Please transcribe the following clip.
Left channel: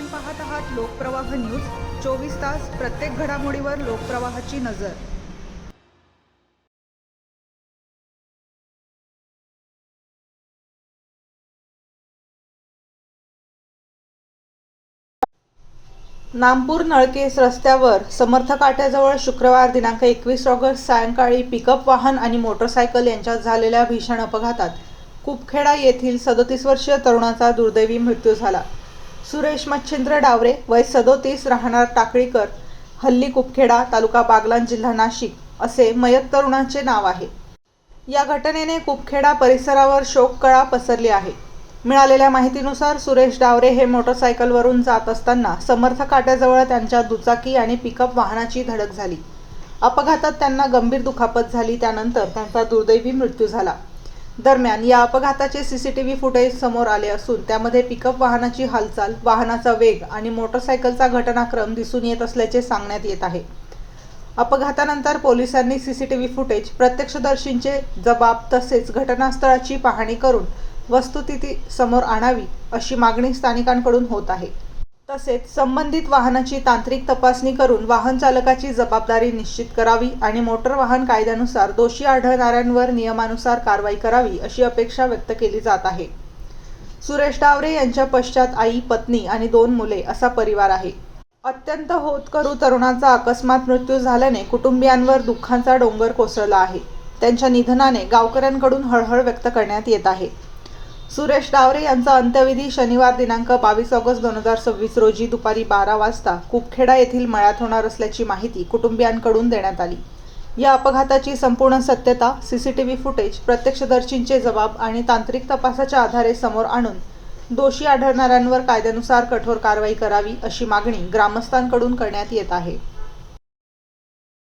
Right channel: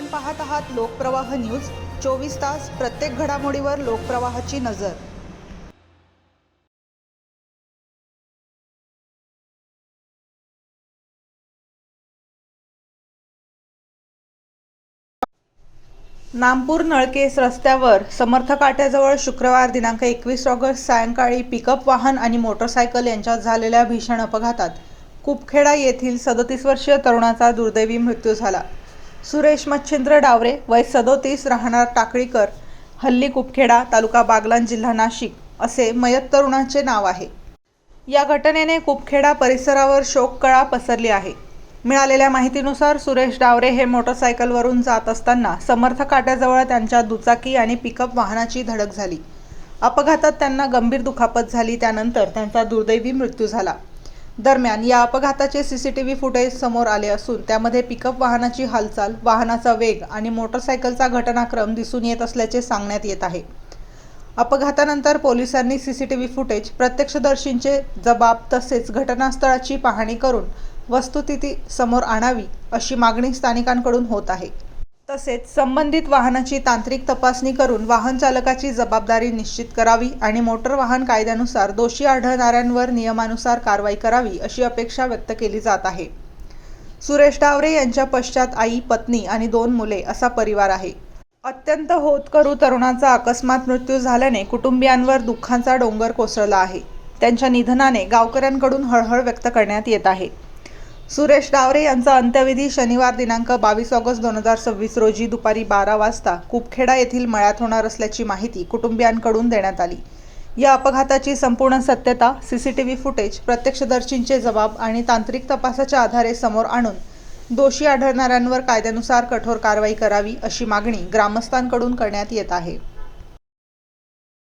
आपण पाहत आहात लोकप्रवाह न्यूज. 24 तास प्रत्येक घडामोडीवर लोकप्रवाहाची नजर. नामपूर नळकेस रस्त्यावर समर्थ काट्याजवळ शुक्रवार दिनांक 21 ऑगस्ट सायंकाळी पिकअप वाहन आणि मोटरसायकल यांच्यात झालेल्या भीषण अपघातात कुपखेडा येथील 37 वर्षीय तरुणाचा दुर्दैवी मृत्यू झाला. सुरेश मच्छिंद्र डावरे वय 37 राहणार टाकळीकर, हल्ली कुपखेडा, तालुका बागलाण, जिल्हा नाशिक असे मयत तरुणाचे नाव आहे. या घटनेने कुपखेडा परिसरावर शोककळा पसरली आहे. मिळालेल्या माहितीनुसार सुरेश डावरे हे मोटरसायकलवरून जात असताना समर्थ काट्याजवळ त्यांच्या दुचाकी आणि पिकअप वाहनाची धडक झाली. अपघातात त्यांना गंभीर दुखापत झाली. त्यानंतर त्यांचा दुर्दैवी मृत्यू झाला. दरम्यान या अपघाताचे सीसीटीव्ही फुटेज समोर आले असून त्यामध्ये पिकअप वाहनाची हालचाल, वाहनाचा वेग आणि मोटरसायकलचा घटनाक्रम दिसून येत असल्याचे सांगण्यात येत आहे. अपघातानंतर पोलिसांनी सीसीटीव्ही फुटेज, प्रत्यक्षदर्शींचे जबाब तसेच घटनास्थळाची पाहणी करून वस्तुस्थिती समोर आणावी अशी मागणी स्थानिकांकडून होत आहे. तसेच संबंधित वाहनाची तांत्रिक तपासणी करून वाहन चालकाची जबाबदारी निश्चित करावी आणि मोटर वाहन कायद्यानुसार दोषी आढळणाऱ्यांवर नियमानुसार कारवाई करावी अशी अपेक्षा व्यक्त केली जात आहे. सुरेश डावरे यांच्या पश्चात आई, पत्नी आणि 2 मुले असा परिवार आहे. अत्यंत होतकरू तरुणाचा अकस्मात मृत्यू झाल्याने कुटुंबियांवर दुःखाचा डोंगर कोसळला आहे. त्यांच्या निधनाने गावकऱ्यांकडून हळहळ व्यक्त करण्यात येत आहे. सुरेश डावरे यांचा अंत्यविधी शनिवार दिनांक 22 ऑगस्ट 2026 रोजी दुपारी 12 वाजता कुपखेडा येथील मळ्यात होणार असल्याची माहिती कुटुंबियांकडून देण्यात आली. या अपघाताची संपूर्ण सत्यता, सीसीटीव्ही फुटेज, प्रत्यक्षदर्शींचे जबाब आणि तांत्रिक तपासाच्या आधारे समोर आणून दोषी आढळणाऱ्यांवर कायद्यानुसार कठोर कारवाई करावी अशी मागणी ग्रामस्थांकडून करण्यात येत आहे.